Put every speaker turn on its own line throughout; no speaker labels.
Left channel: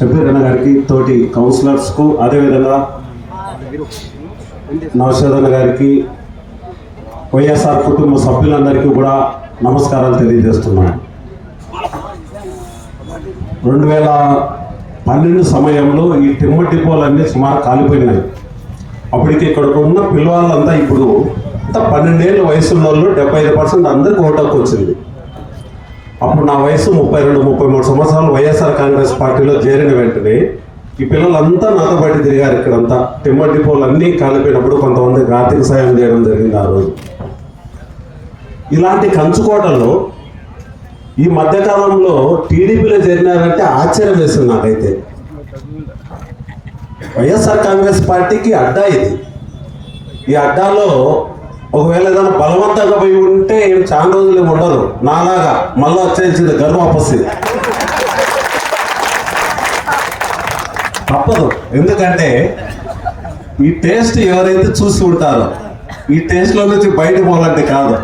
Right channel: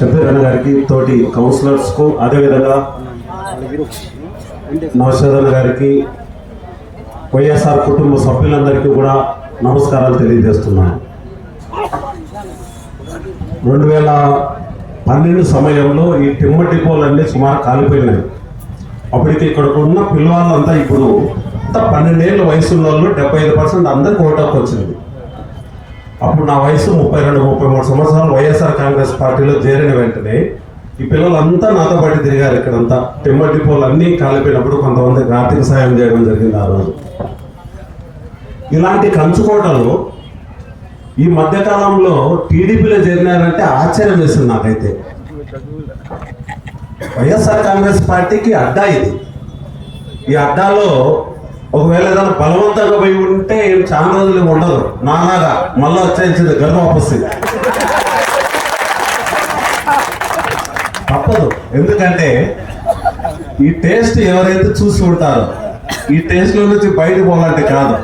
షబీర్ గారికి తోటి కౌన్సిలర్స్కు అదేవిధంగా నవశోదన్న గారికి వైఎస్ఆర్ కుటుంబ సభ్యులందరికీ కూడా నమస్కారాలు తెలియజేస్తున్నాను. రెండు వేల పన్నెండు సమయంలో ఈ టిమ్మ డిపోలన్నీ సుమారు కాలిపోయినాయి. అప్పటికి ఇక్కడ ఉన్న పిల్లవాళ్ళంతా ఇప్పుడు అంతా పన్నెండేళ్ళ వయసు వాళ్ళు డెబ్బై ఐదు పర్సెంట్ అందరికి ఓటాకు వచ్చింది. అప్పుడు నా వయసు ముప్పై రెండు ముప్పై మూడు సంవత్సరాలు వైఎస్ఆర్ కాంగ్రెస్ పార్టీలో చేరిన వెంటనే ఈ పిల్లలంతా నాతో పాటు తిరిగారు ఇక్కడంతా. టిమ్మర్ డిపోలు అన్నీ కాలిపోయినప్పుడు కొంతమందికి ఆర్థిక సాయం చేయడం జరిగింది ఆ రోజు. ఇలాంటి కంచుకోటలు ఈ మధ్యకాలంలో టీడీపీలో చేరినారంటే ఆశ్చర్యం వేసింది నాకైతే. వైఎస్ఆర్ కాంగ్రెస్ పార్టీకి అడ్డా ఇది. ఈ అడ్డాలో ఒకవేళ ఏదైనా బలవంతంగా పోయి ఉంటే చాలా రోజులు ఉండదు నాలాగా మళ్ళీ వచ్చేసింది గర్వ వస్తుంది తప్పదు. ఎందుకంటే ఈ టేస్ట్ ఎవరైతే చూసి ఉంటారో ఈ టేస్ట్లో నుంచి బయట పోవాలంటే కాదు.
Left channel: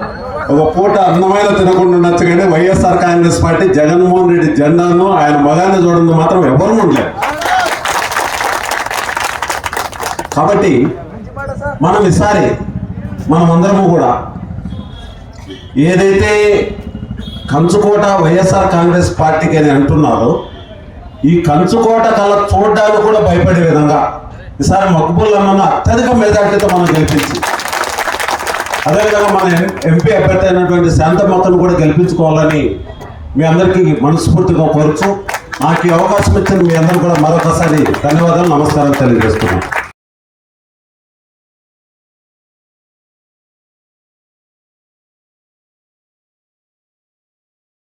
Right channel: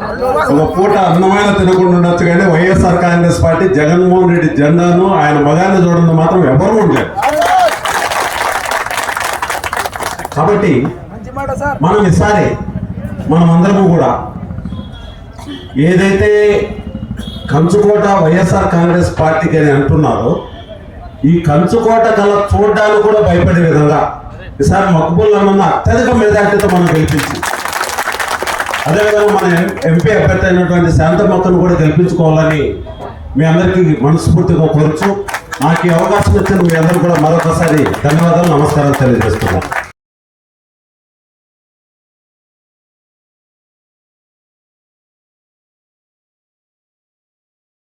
ఒక పూట అన్నమైన తినకుండా ఉండొచ్చు కానీ వైఎస్ఆర్ కాంగ్రెస్ పార్టీ జగన్మోహన్ రెడ్డి జెండాను ఆయన మగాన్ని చూడడం మాత్రం ఎవరు ఉండలేదు కాబట్టి మనం ఈసారి మనం అందరము కూడా ఏదైతే కంచుకోట వైఎస్ఆర్ కాంగ్రెస్ పార్టీకి అని అంటున్నారో ఈ కంచుకోట కల చూడడానికి కూడా భయపడే విధంగా ఈసారి మక్కుబుల్లమ్మన్న అత్యధిక మెజార్టీతో మనం గెలిపించి అదేవిధంగా మన ఎంపీ అభ్యర్థి అయినటువంటి శాంత కూడా గెలిపించుకోవాలని మీ అందరికీ మనస్ఫూర్తిగా కోరుచు నాకు ఈ అవకాశం ఇచ్చిన మీ అందరూ కూడా మరొకసారి ధన్యవాదాలు నమస్కారం తెలియజేస్తున్నాను.